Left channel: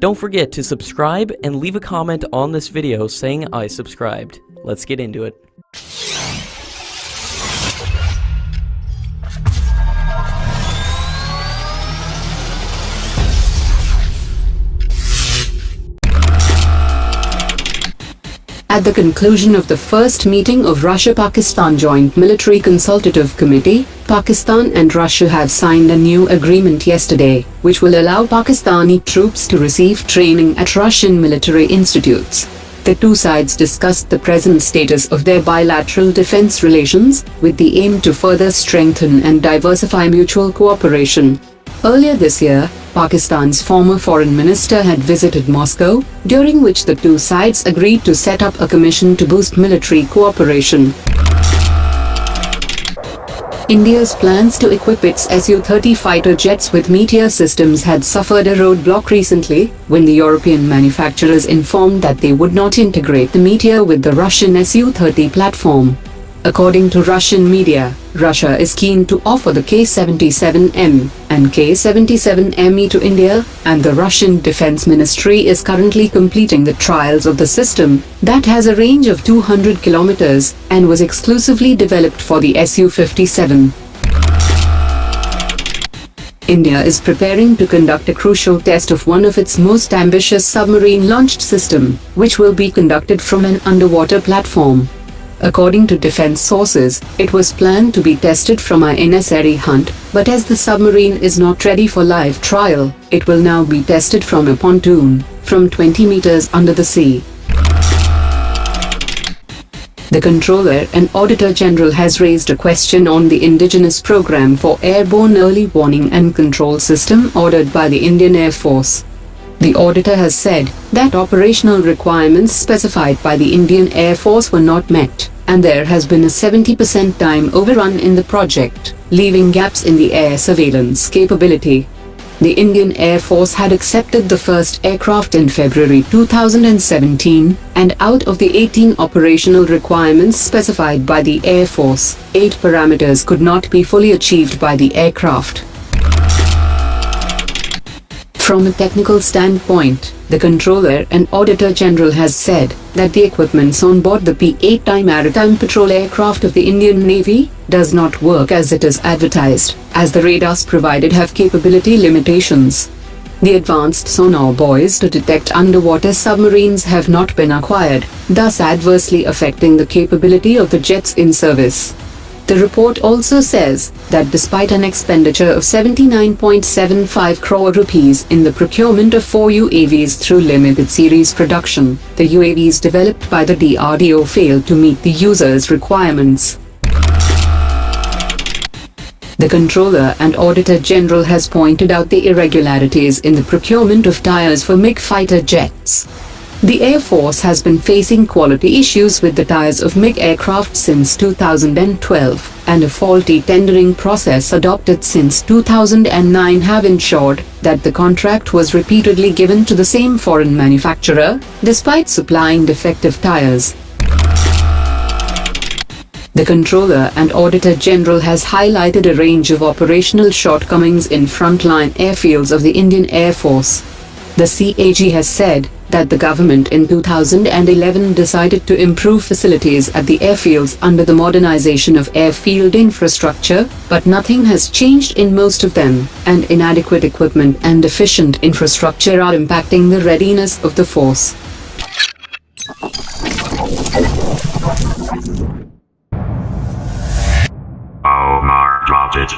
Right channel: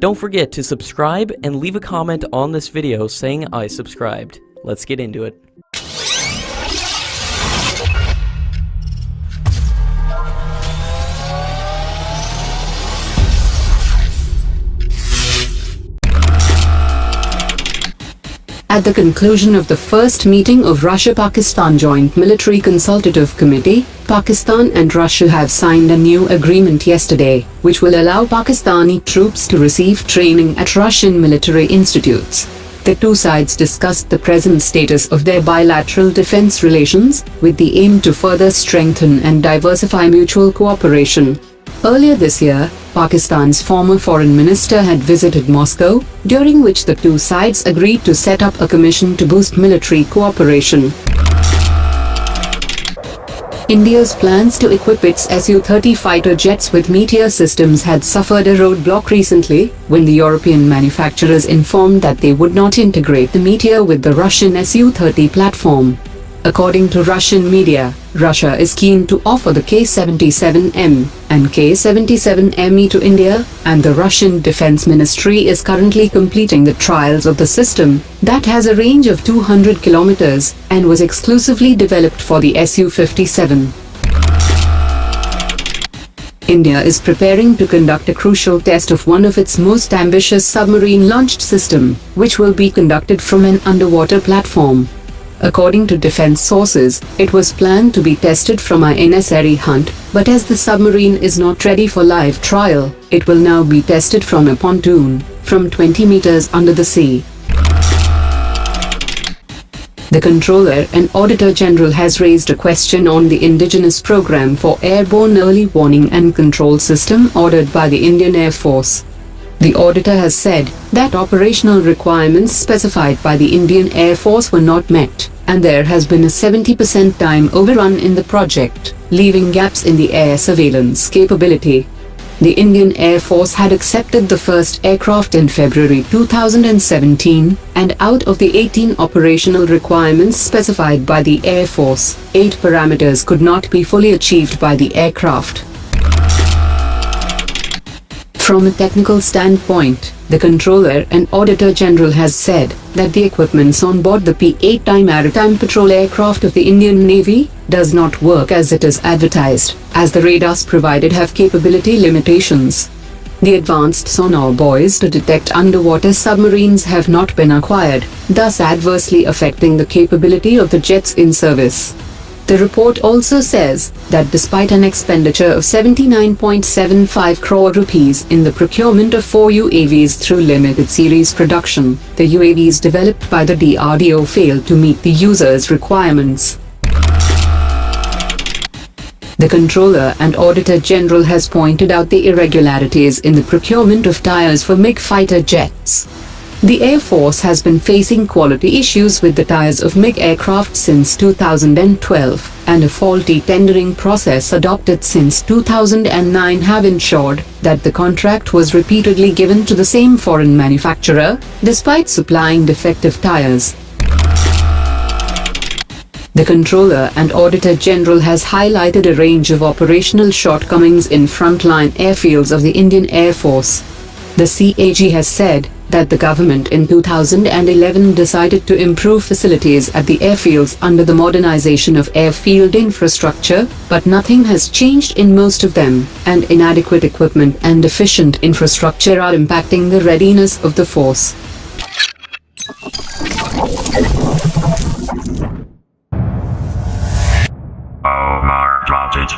Don't forget to subscribe and leave a comment on this video saying I subscribed. Let's get into it. At the conclusion of the first meeting of Russia-Pakistan Joint Military Consultative Committee, Pakistan and Russia have signed a new agreement yesterday, which will allow Pakistani troops to receive training at Russian military institutes. The two sides discussed the present status of their bilateral defense relations, with the aim to further strengthen and diversify mutual cooperation. Earlier this year, Pakistan's former foreign minister had visited Moscow, during which the two sides agreed to set up a commission to boost military cooperation. India's plans to equip its Su-30 fighter jets with Meteor systems had suffered a roadblock recently, when the European manufacturers informed that they would not integrate the Meteor with the Russian Su-30 platform. According to Russian media, Russia is keen to offer the K-77M and K-77ME to India, and the Russian Defense Ministry is currently completing the trials of the system, that has a range of 200 kilometers, and was exclusively developed for the Su-57. India is preparing to conduct a crucial test of one of its most ambitious submarine-launched system, which will be conducted from an underwater platform. According to defense sources, it was planned to be tested from INS Arihant, but as the submarine is not ready for live trial, it will now be tested from a pontoon, from 20 meters under the sea. The Controller and Auditor General has raised a question on the indigenous program for airborne early warning and control system ordered by the Indian Air Force. The auditor has said that operational requirements specified by the Indian Air Force were not met, and there has been a 70% time overrun in the project, leaving gaps in the air surveillance capability. The Indian Air Force had accepted the first aircraft in February 2017, and out of the 18 operational requirements specified by the Air Force, 8 parameters could not be fully achieved by the aircraft. From a technical standpoint, the Controller and Auditor General has said that the equipment on board the P-8I maritime patrol aircraft of the Indian Navy does not work as it is advertised, as the radars provided have capability limitations. The advanced sonar buoys to detect underwater submarines have not been acquired, thus adversely affecting the capability of the jets in service. The report also says that despite an expenditure of 79.75 crore rupees in the procurement of 4 UAVs through limited series production, the UAVs developed by the DRDO failed to meet the users' requirements. The Controller and Auditor General has pointed out the irregularities in the procurement of tyres for MiG fighter jets. The Air Force has been facing quality issues with the tyres of MiG aircraft since 2012, and a faulty tendering process adopted since 2009 have ensured that the contract was repeatedly given to the same foreign manufacturer, despite supplying defective tyres. The Controller and Auditor General has highlighted a range of operational shortcomings in frontline airfields of the Indian Air Force. The CAG has said that the government in 2011 decided to improve facilities at the airfields under the modernization of airfield infrastructure, but nothing has changed in most of them, and inadequate equipment and deficient infrastructure are impacting the readiness of the force. Omar dropped it.